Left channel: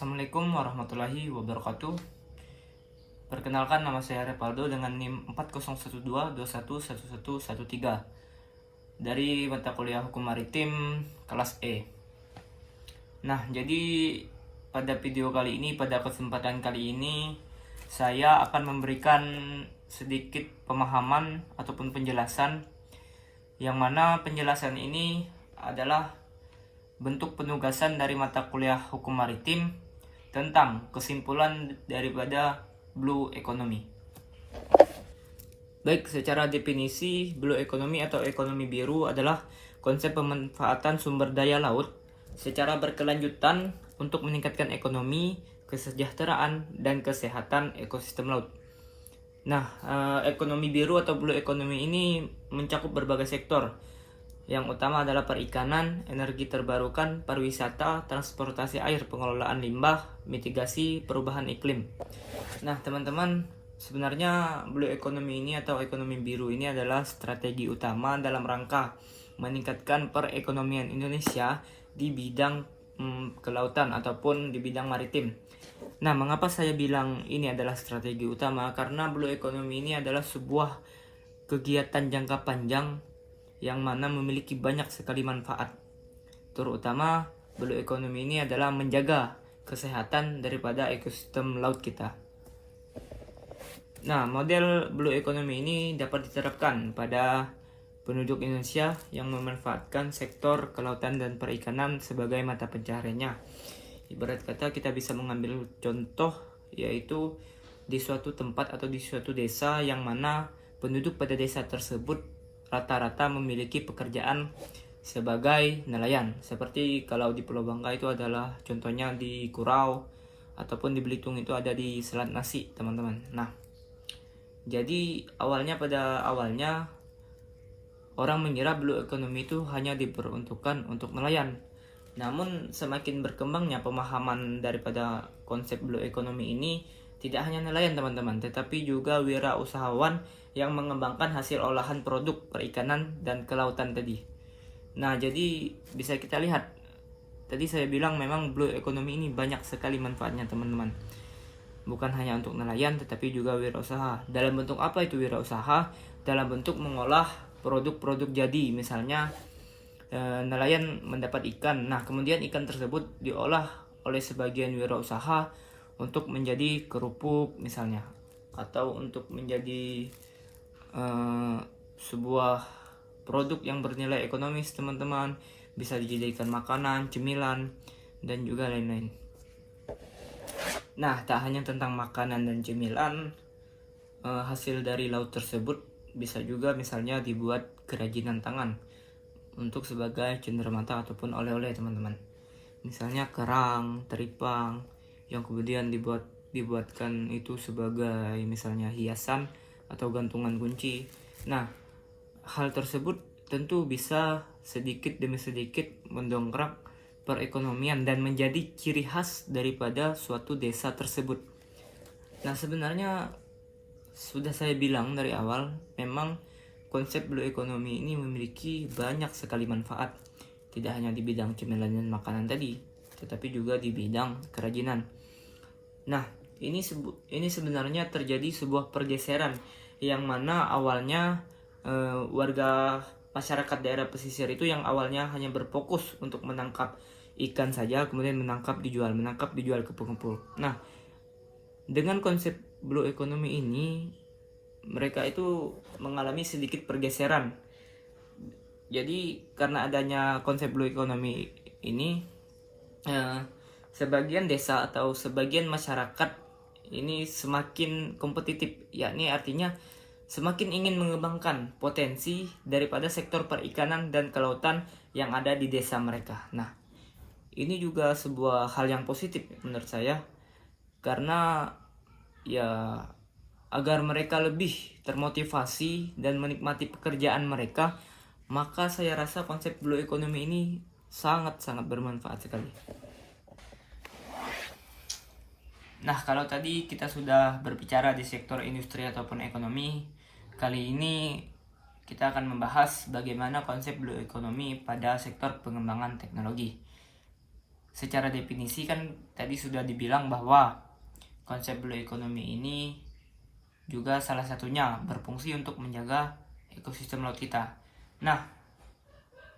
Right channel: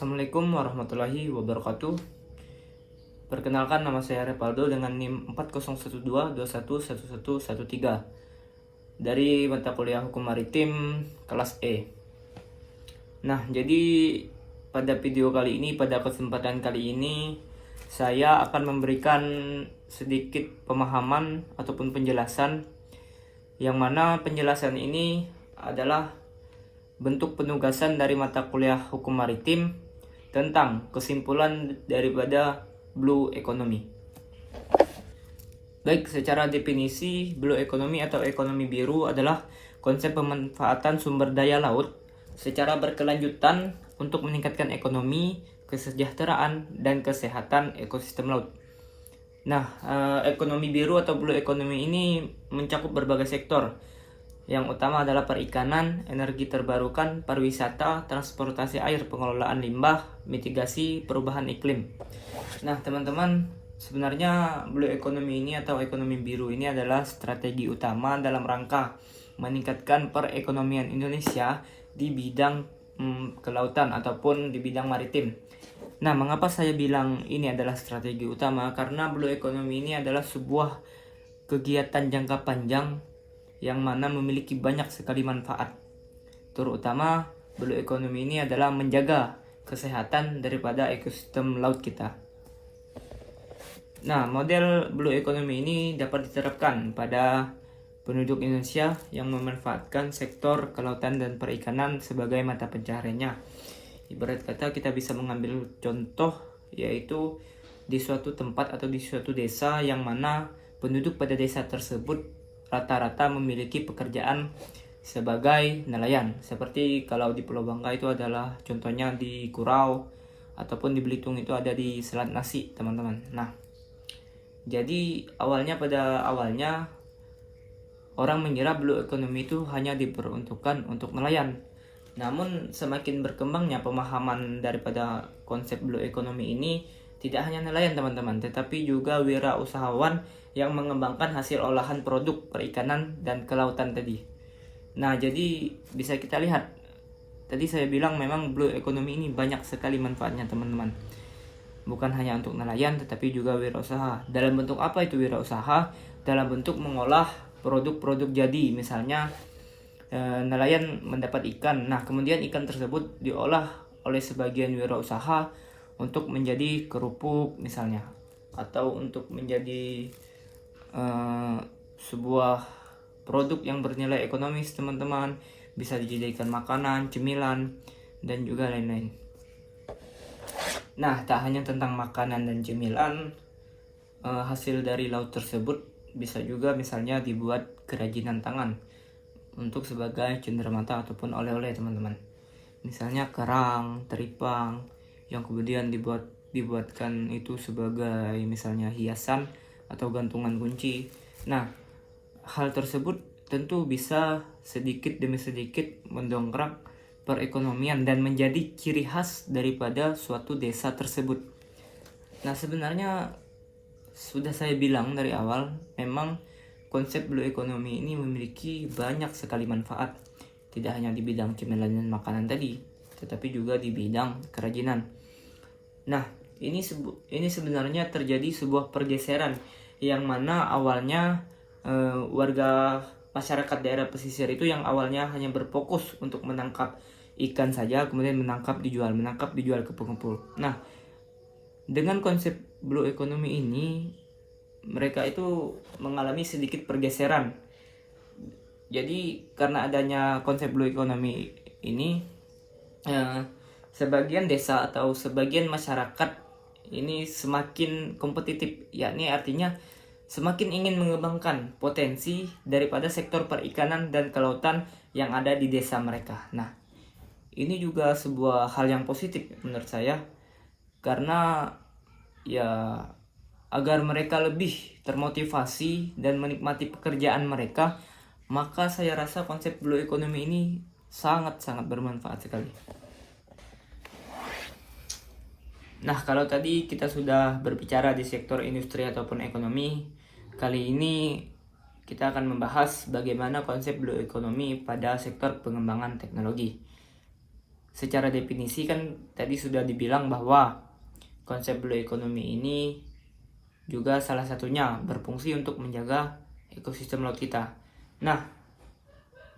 Assalamualaikum warahmatullahi wabarakatuh. Perkenalkan, nama saya Repaldo dengan NIM 4012211113 dari mata kuliah Hukum Maritim kelas E. Nah, jadi pada video kali ini, pada kesempatan kali ini, saya akan memberikan sedikit pemahaman ataupun penjelasan, yang mana penjelasan ini adalah bentuk penugasan dari mata kuliah Hukum Maritim tentang kesimpulan daripada Blue Economy. Baik, secara definisi, Blue Economy atau ekonomi biru adalah konsep pemanfaatan sumber daya laut secara berkelanjutan untuk meningkatkan ekonomi, kesejahteraan, dan kesehatan ekosistem laut. Nah, ekonomi biru atau Blue Economy ini mencakup berbagai sektor. Yang utama adalah perikanan, energi terbarukan, pariwisata, transportasi air, pengelolaan limbah, mitigasi perubahan iklim. Nah, teman-teman, sebenarnya Blue Economy ini atau ekonomi biru ini adalah strategi utama dalam rangka meningkatkan perekonomian Indonesia di bidang kelautan ataupun di bidang maritim. Nah, mengapa saya bilang ini adalah strategi utama? Karena Blue Economy ini adalah sebuah kegiatan jangka panjang yang mana memiliki banyak sekali manfaat. Terutama Blue Economy ini adalah menjaga kesehatan daripada ekosistem laut kita. Nah, model Blue Economy ini dapat diterapkan pada penduduk Indonesia yang memanfaatkan sektor kelautan dan perikanan sebagai mata pencahariannya. Ibarat kata, kita bisa mengambil contoh, yaitu di suatu tempat atau di suatu desa yang mana penduduk pada desa tersebut rata-rata memiliki pekerjaan sebagai nelayan. Seperti kalau di Pulau Bangka itu adalah contohnya di Kurau, ataupun di Belitung itu ada di Selat Nasi, teman-teman. Nah, jadi pada awalnya orang mengira Blue Economy itu hanya diperuntukkan untuk nelayan. Namun semakin berkembangnya pemahaman daripada konsep Blue Economy ini, tidak hanya nelayan, teman-teman, tetapi juga wirausahawan yang mengembangkan hasil olahan produk perikanan dan kelautan tadi. Nah, jadi bisa kita lihat, tadi saya bilang memang Blue Economy ini banyak sekali manfaatnya, teman-teman. Bukan hanya untuk nelayan, tetapi juga wirausaha. Dalam bentuk apa itu wirausaha? Dalam bentuk mengolah produk-produk jadi. Misalnya nelayan mendapat ikan. Nah, kemudian ikan tersebut diolah oleh sebagian wirausaha untuk menjadi kerupuk misalnya, atau untuk menjadi sebuah produk yang bernilai ekonomis, teman-teman. Bisa dijadikan makanan, cemilan, dan juga lain-lain. Nah, tak hanya tentang makanan dan cemilan, hasil dari laut tersebut bisa juga misalnya dibuat kerajinan tangan untuk sebagai cenderamata ataupun oleh-oleh, teman-teman. Misalnya kerang, teripang, yang kemudian dibuatkan itu sebagai misalnya hiasan atau gantungan kunci. Nah, hal tersebut tentu bisa sedikit demi sedikit mendongkrak perekonomian dan menjadi ciri khas daripada suatu desa tersebut. Nah, sebenarnya sudah saya bilang dari awal, memang konsep Blue Economy ini memiliki banyak sekali manfaat. Tidak hanya di bidang cemilan dan makanan tadi, tetapi juga di bidang kerajinan. Nah, ini sebenarnya terjadi sebuah pergeseran yang mana awalnya warga masyarakat daerah pesisir itu yang awalnya hanya berfokus untuk menangkap ikan saja, kemudian menangkap dijual ke pengepul. Nah, dengan konsep Blue Economy ini, mereka itu mengalami sedikit pergeseran. Jadi karena adanya konsep Blue Economy ini, sebagian desa atau sebagian masyarakat ini semakin kompetitif, yakni artinya semakin ingin mengembangkan potensi daripada sektor perikanan dan kelautan yang ada di desa mereka. Nah, ini juga sebuah hal yang positif menurut saya, karena ya agar mereka lebih termotivasi dan menikmati pekerjaan mereka, maka saya rasa konsep Blue Economy ini sangat-sangat bermanfaat sekali. Nah, kalau tadi kita sudah berbicara di sektor industri ataupun ekonomi, kali ini kita akan membahas bagaimana konsep Blue Economy pada sektor pengembangan teknologi. secara definisi kan tadi sudah dibilang bahwa konsep blue economy ini juga salah satunya berfungsi untuk menjaga ekosistem laut kita. Nah,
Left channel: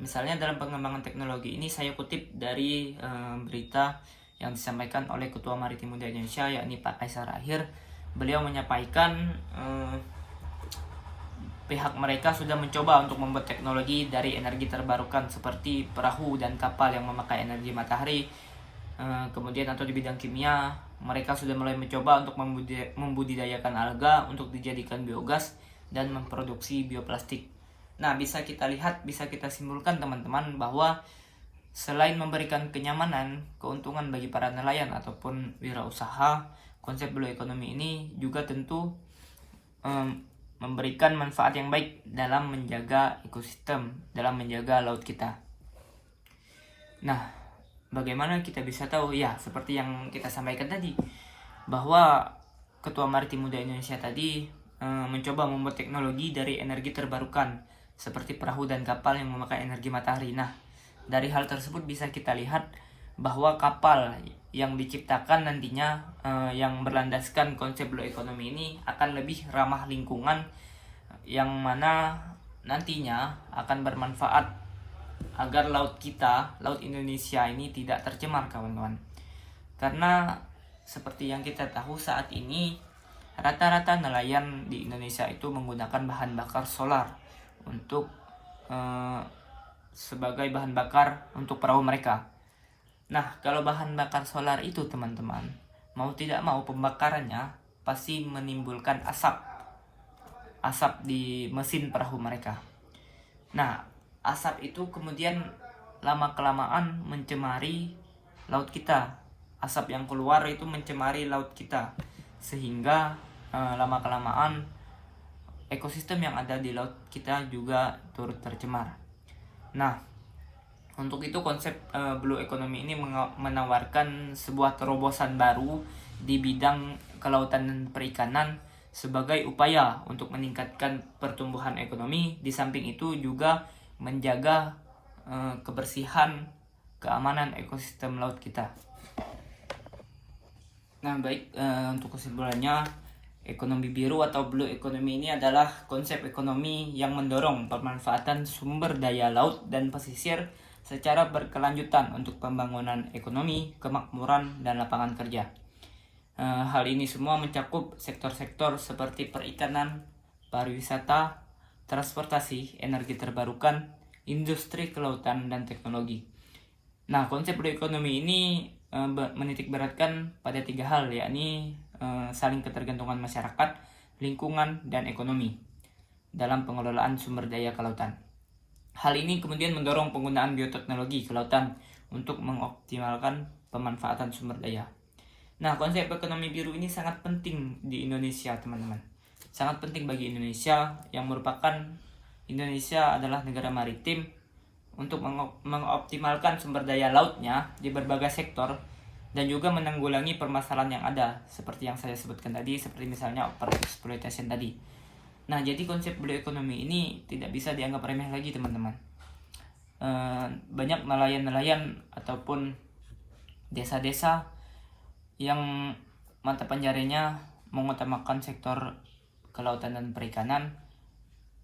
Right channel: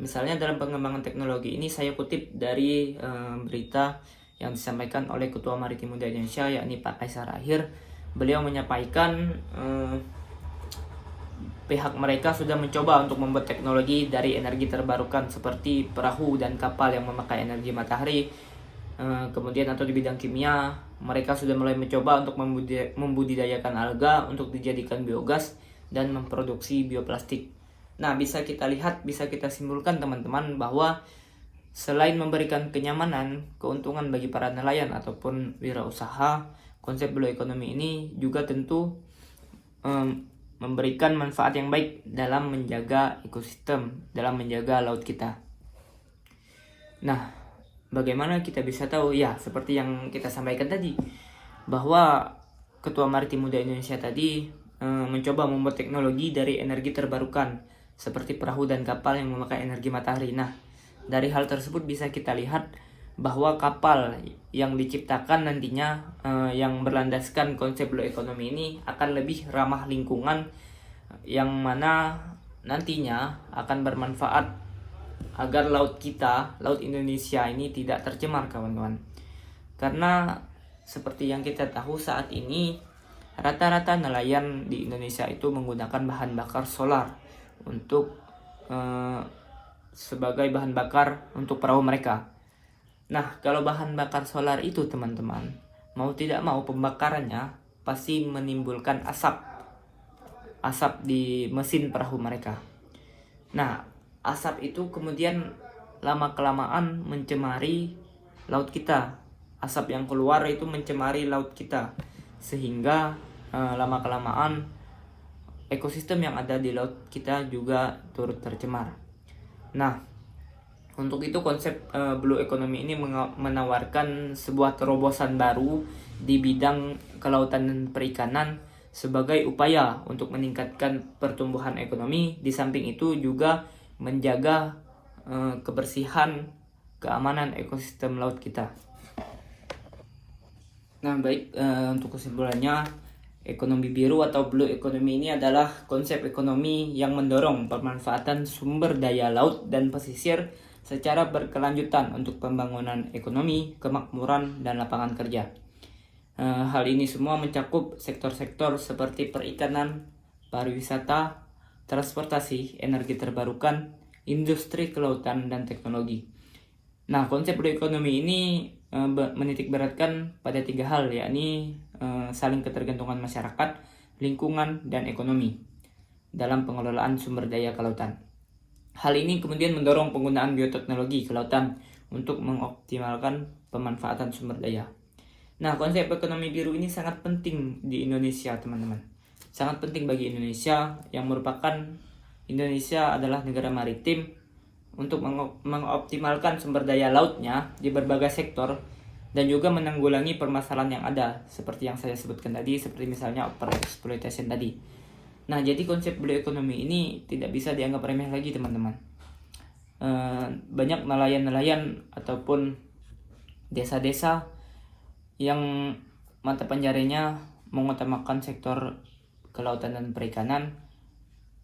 misalnya dalam pengembangan teknologi ini saya kutip dari berita yang disampaikan oleh Ketua Maritim Muda Indonesia, yakni Pak Kaisar Akhir. Beliau menyampaikan pihak mereka sudah mencoba untuk membuat teknologi dari energi terbarukan seperti perahu dan kapal yang memakai energi matahari. Kemudian atau di bidang kimia, mereka sudah mulai mencoba untuk membudidayakan alga untuk dijadikan biogas dan memproduksi bioplastik. Nah, bisa kita lihat, bisa kita simpulkan teman-teman bahwa selain memberikan kenyamanan, keuntungan bagi para nelayan ataupun wirausaha, konsep blue economy ini juga tentu memberikan manfaat yang baik dalam menjaga ekosistem, dalam menjaga laut kita. Nah, bagaimana kita bisa tahu? Ya, seperti yang kita sampaikan tadi, bahwa Ketua Maritim Muda Indonesia tadi mencoba membuat teknologi dari energi terbarukan, seperti perahu dan kapal yang memakai energi matahari. Nah, dari hal tersebut bisa kita lihat bahwa kapal yang diciptakan nantinya yang berlandaskan konsep blue economy ini akan lebih ramah lingkungan, yang mana nantinya akan bermanfaat agar laut kita, laut Indonesia ini tidak tercemar, kawan-kawan. Karena seperti yang kita tahu saat ini, rata-rata nelayan di Indonesia itu menggunakan bahan bakar solar untuk sebagai bahan bakar untuk perahu mereka. Nah, kalau bahan bakar solar itu teman-teman, mau tidak mau pembakarannya pasti menimbulkan asap di mesin perahu mereka. Nah, asap itu kemudian lama-kelamaan mencemari laut kita. Asap yang keluar itu mencemari laut kita, sehingga lama-kelamaan ekosistem yang ada di laut kita juga turut tercemar. Nah, untuk itu konsep blue economy ini menawarkan sebuah terobosan baru di bidang kelautan dan perikanan sebagai upaya untuk meningkatkan pertumbuhan ekonomi. Di samping itu juga menjaga kebersihan, keamanan ekosistem laut kita. Nah, baik, untuk kesimpulannya, ekonomi biru atau blue economy ini adalah konsep ekonomi yang mendorong pemanfaatan sumber daya laut dan pesisir secara berkelanjutan untuk pembangunan ekonomi, kemakmuran, dan lapangan kerja. Hal ini semua mencakup sektor-sektor seperti perikanan, pariwisata, transportasi, energi terbarukan, industri kelautan, dan teknologi. Nah, konsep blue economy ini menitikberatkan pada 3 hal, yakni saling ketergantungan masyarakat, lingkungan, dan ekonomi dalam pengelolaan sumber daya kelautan. Hal ini kemudian mendorong penggunaan bioteknologi kelautan untuk mengoptimalkan pemanfaatan sumber daya. Nah, konsep ekonomi biru ini sangat penting di Indonesia, teman-teman. Sangat penting bagi Indonesia yang merupakan Indonesia adalah negara maritim untuk mengoptimalkan sumber daya lautnya di berbagai sektor dan juga menanggulangi permasalahan yang ada seperti yang saya sebutkan tadi, seperti misalnya overexploitation tadi. Nah, jadi konsep blue economy ini tidak bisa dianggap remeh lagi, teman-teman. Banyak nelayan-nelayan ataupun desa-desa yang mata pencahariannya mengutamakan sektor kelautan dan perikanan,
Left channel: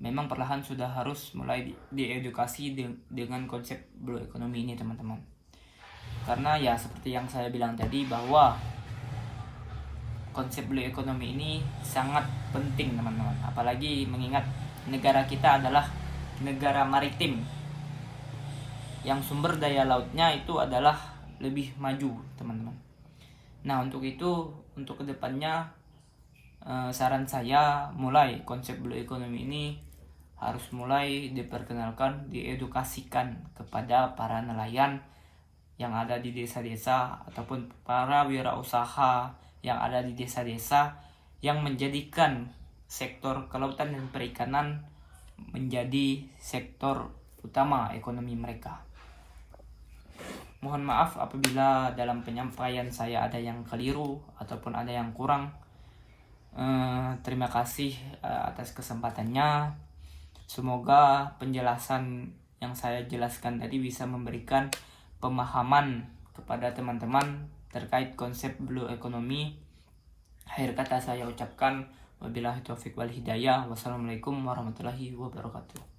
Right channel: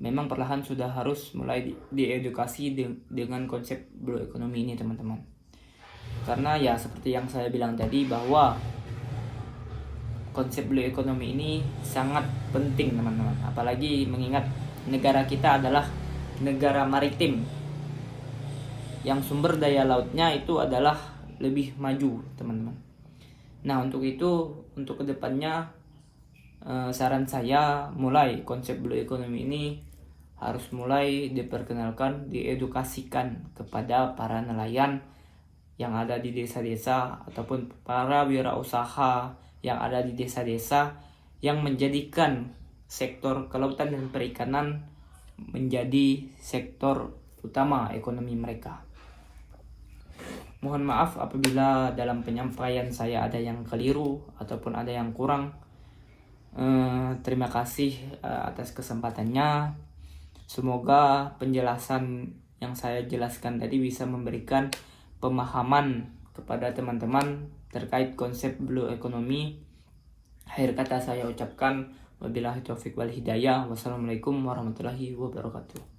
memang perlahan sudah harus mulai diedukasi dengan konsep blue economy ini, teman-teman. Karena ya seperti yang saya bilang tadi, bahwa konsep blue economy ini sangat penting, teman-teman. Apalagi mengingat negara kita adalah negara maritim yang sumber daya lautnya itu adalah lebih maju, teman-teman. Nah, untuk itu, untuk kedepannya saran saya mulai konsep blue economy ini harus mulai diperkenalkan, diedukasikan kepada para nelayan yang ada di desa-desa ataupun para wirausaha yang ada di desa-desa yang menjadikan sektor kelautan dan perikanan menjadi sektor utama ekonomi mereka. Mohon maaf apabila dalam penyampaian saya ada yang keliru ataupun ada yang kurang. Terima kasih atas kesempatannya. Semoga penjelasan yang saya jelaskan tadi bisa memberikan pemahaman kepada teman-teman terkait konsep blue economy. Akhir kata saya ucapkan wabillahi taufiq wal hidayah. Wassalamualaikum warahmatullahi wabarakatuh.